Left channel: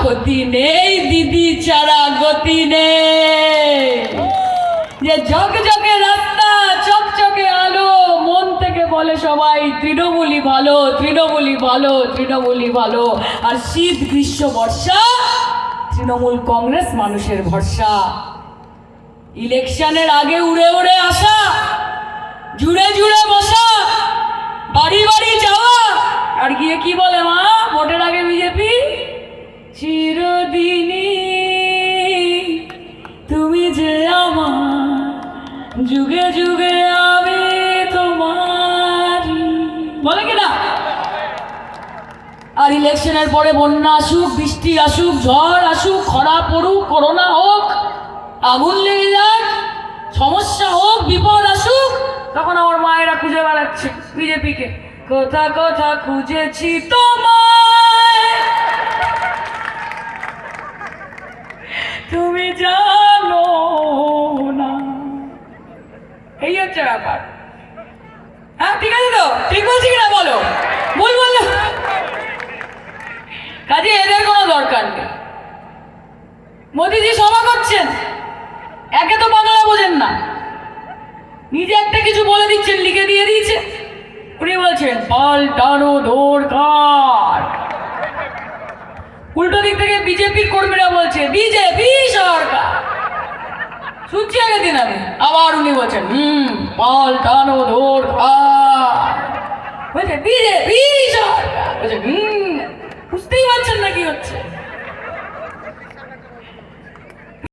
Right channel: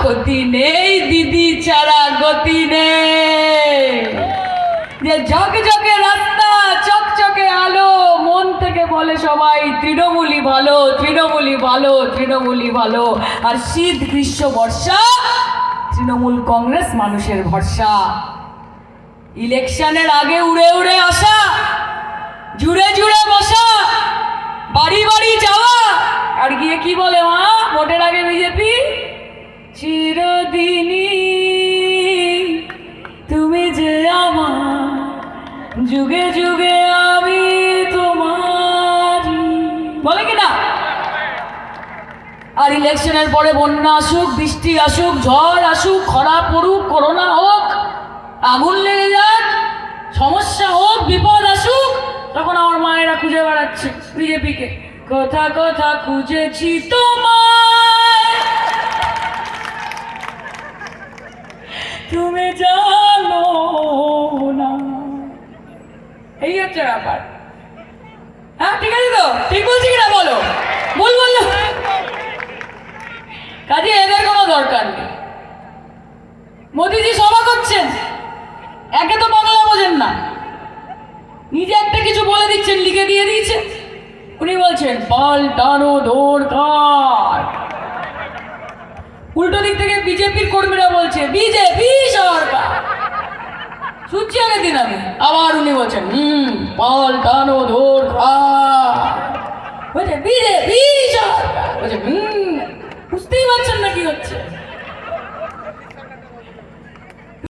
ক্ষতি নেই দিদি ছাড়া গতি নেই। যে ঝকঝকে রাস্তা চকচকে আলো, মন থেকে বলে সবাই তৃণমূলই ভালো, তৃণমূলই ভালো, তৃণমূলই ভালো। আর শীত গ্রীষ্ম বর্ষা তৃণমূল কংগ্রেস মানুষের ভরসা। ইলেকশনের আগে উড়ে উড়ে আসা, জুড়ে জুড়ে বসা, বাড়ি বাড়ি যাওয়া, আর গিয়ে কি বলে মা ভোটের আগে বিজেপি, চিরদিনই তুমি যে আমার, যুগে যুগে আমি তোমার, বলে কিনা? আর ইলেকশনের পরে বন্যা আসুক, বৃষ্টি আসুক, ঝড় আসুক, খরা পড়ুক, করোনা হোক, আগুন লেগে যাক, সমস্যা হোক, বিপদ আসুক, তখন আমার মায়েরা খুঁজে বেড়াচ্ছে বিজেপিকে। কথা কথা খুঁজেছি তোমায়, তুমি জানো না। এই হচ্ছে ব্যাপার। হ্যাঁ ঠিক আছে তো, ঠিক বলছি কিনা বলো? ভুল বললে কাজে এদের কোনো দরকার নেই। মোদিজি সভা করছেন, একে তো বাংলা বোঝেন না, নিজে একটা কিছু বলে দিচ্ছেন, লিখে দিয়ে দিয়েছে। উনি বলছেন পাল্টানো দরকার। উল্টো দিক থেকে বিজেপির কর্মীরা বলছে বিজেপি সরকার। শুনছি আগের দিন আমি, আবার উনি বলছেন পাল্টানো দরকার, বলছে বিজেপি সরকার, বলছে বুঝতেই পারছেন না কি হচ্ছে।